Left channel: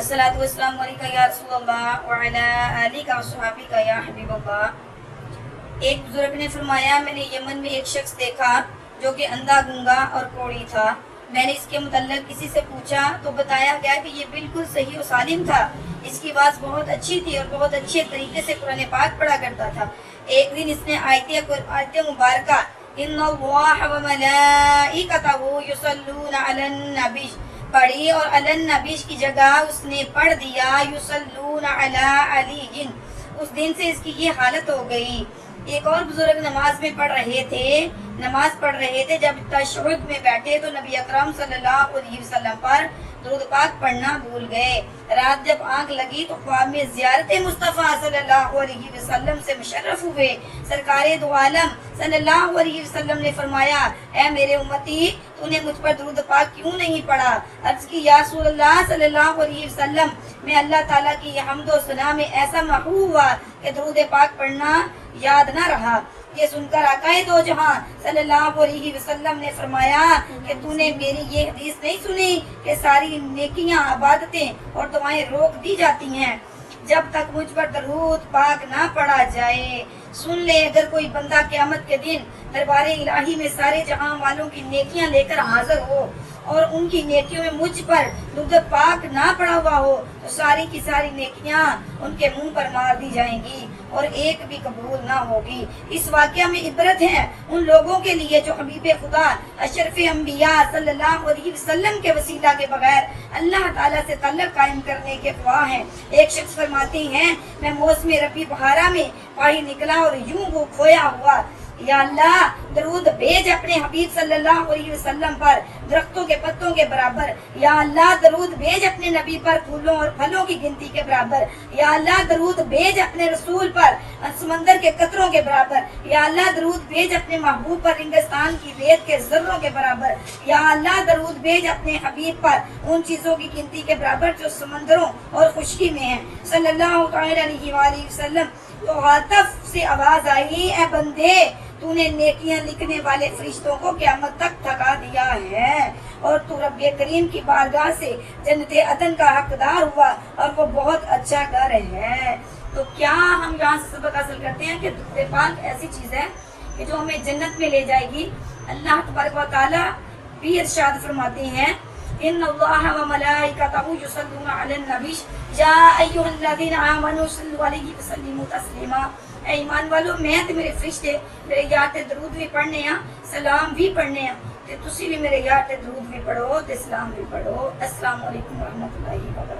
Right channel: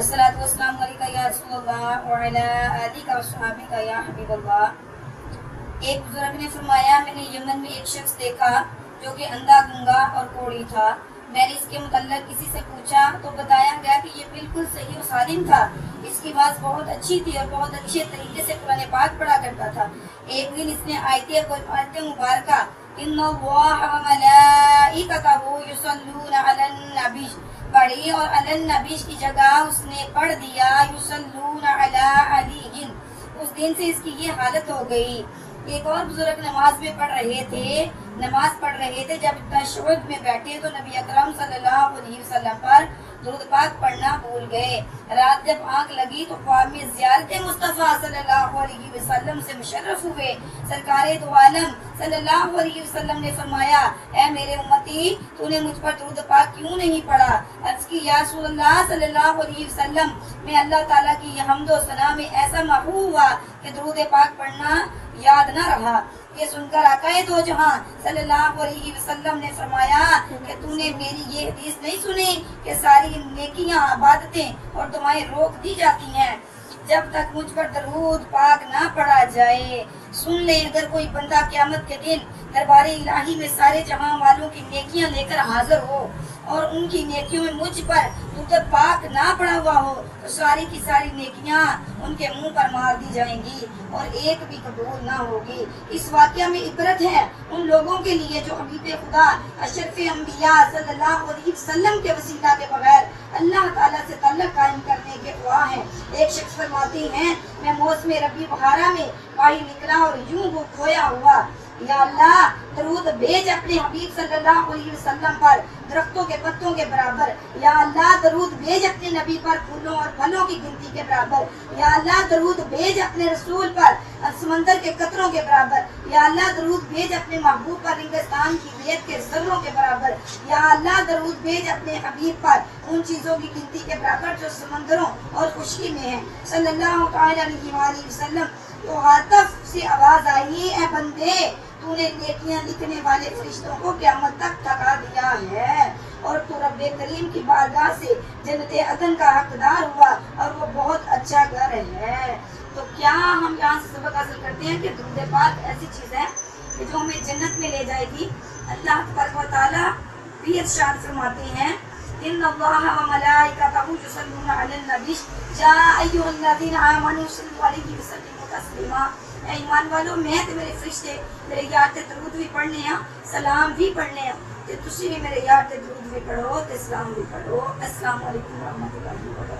अस्सलातु वस्सलामु अलैका या रसूलल्लाह व अला आलिका व सहाबिका या हबीबल्लाह। एक बुजुर्ग ने फरमाया, मैंने यमन में एक शख्स देखा जो कि अंधा, गूंगा और कोढ़ी था। मैंने इसके मुतल्लिक किसी से पूछा तो बताया गया कि ये बिल्कुल सही और सालिम था। इसकी आवाज़ बहुत अच्छी थी और बहुत अच्छे तरीके से कुरान पाक पढ़ा करता था। एक दिन इसने आयत मुबारका इन्नल्लाह व मलाइकतहु युसल्लूना अलन नबी पढ़ी और अलन नबी की जगह उसने पढ़ दिया युसल्लूना अला अलीहिन। उस दिन से इसकी ये हालत हो गई। एक और बुजुर्ग नमाज पढ़ रहे थे। जब तशहुद में बैठे तो नबी अकरम सल्लल्लाहु अलैहि वसल्लम पर दुरूद पाक पढ़ना भूल गए। रात जब आंख लगी तो ख्वाब में ज़ियारत मुस्तफ़ा सल्लल्लाहु अलैहि वसल्लम से मुशर्रफ हुए। सरकारे दो आलम सल्लल्लाहु अलैहि वसल्लम ने फरमाया, ऐ मेरे उम्मती, तूने मुझ पर दुरूद पाक क्यों नहीं पढ़ा? अर्ज़ की, या रसूलल्लाह सल्लल्लाहु अलैहि वसल्लम, मैं अल्लाह ताला की हम्दो सना में ऐसा महबूब हुआ कि दुरूद पाक पढ़ना याद न रहा। ये सुनकर आकाए दो जहां सल्लल्लाहु अलैहि वसल्लम ने फरमाया कि तूने मेरी ये हदीस नहीं सुनी कि सारी नेकियां, इबादतें और दुआएं रोक दी जाती हैं जब तक मुझ पर दरूद पाक ना पढ़ा जाए। सुन ले, अगर कोई बंदा क़यामत के दिन दरबारे इलाही में सारे जहां वालों की नेकियां लेकर हाजिर हो और उनकी नेकियों में मुझ पर दुरूद पाक ना पड़ा हुआ हो तो सारी की सारी नेकियां उनके मुंह पर मार दी जाएंगी और एक भी कबूल ना होगी। इस वाक़या में इबरत है उन लोगों के लिए जो हबीब खुदा अशरफ अंबिया सल्लल्लाहु अलैहि वसल्लम के वसीला के बगैर अल्लाह ताला से ताल्लुक़ कायम करने के ख्वाह हैं। एक शख्स फरमाती हैं, मैं मौसम रबी बहारा में बाहर निकला और यूं वो खोया हुआ। या अल्लाह, दरूद भेज अपने हबीब सल्लल्लाहु अलैहि वसल्लम पर दरख्तों के पत्तों के बराबर। या अल्लाह, दरूद भेज अपने नबी पर फूलों और फलों की गिनती के बराबर। या अल्लाह, दरूद भेज अपने रसूल पर समंदर के कतरों के बराबर। या अल्लाह, दरूद भेज अपने महबूब पर रेगिस्तान की रेत के ज़र्रों के बराबर। या अल्लाह, दरूद भेज अपने हबीब पर उन चीज़ों की गिनती के बराबर जो समंदरों और खुशकी में है सल्लल्लाहु अलैहि वसल्लम। तो हातफ से आवाज़ आई, ए बंदे, तूने नेकियां लिखने वाले फरिश्तों को क़यामत तक थका दिया है और तू रब्बे करीम की बारगाह से जन्नत अदन का हकदार हुआ और वो बहुत अच्छा घर है। तो क्या हम यहाँ से सबक हासिल करते हैं कि दुरूद पाक ऐसी चीज़ है कि जो हमें जन्नत पे ले जाएगी। अल्लाह तबारक व तआला भी इरशाद फरमाते हैं, इन्नल्लाह व मलाइकतहु युसल्लूना अलन नबी या अय्युहल्लज़ीना आमनू सल्लु अलैहि व सल्लिमू तस्लीमा। ऐ ईमान वालों, मैं ते मेरे फरिश्ते मेरे यार ते दरूद भी पढ़ने हैं, सलाम भी पढ़ने हैं, ते तुसी भी मेरे यार ते दरूद भी पढ़ो ते सलाम भी पढ़ो। अस्सलामु अलैकुम व रहमतुल्लाहि व बरकातहू।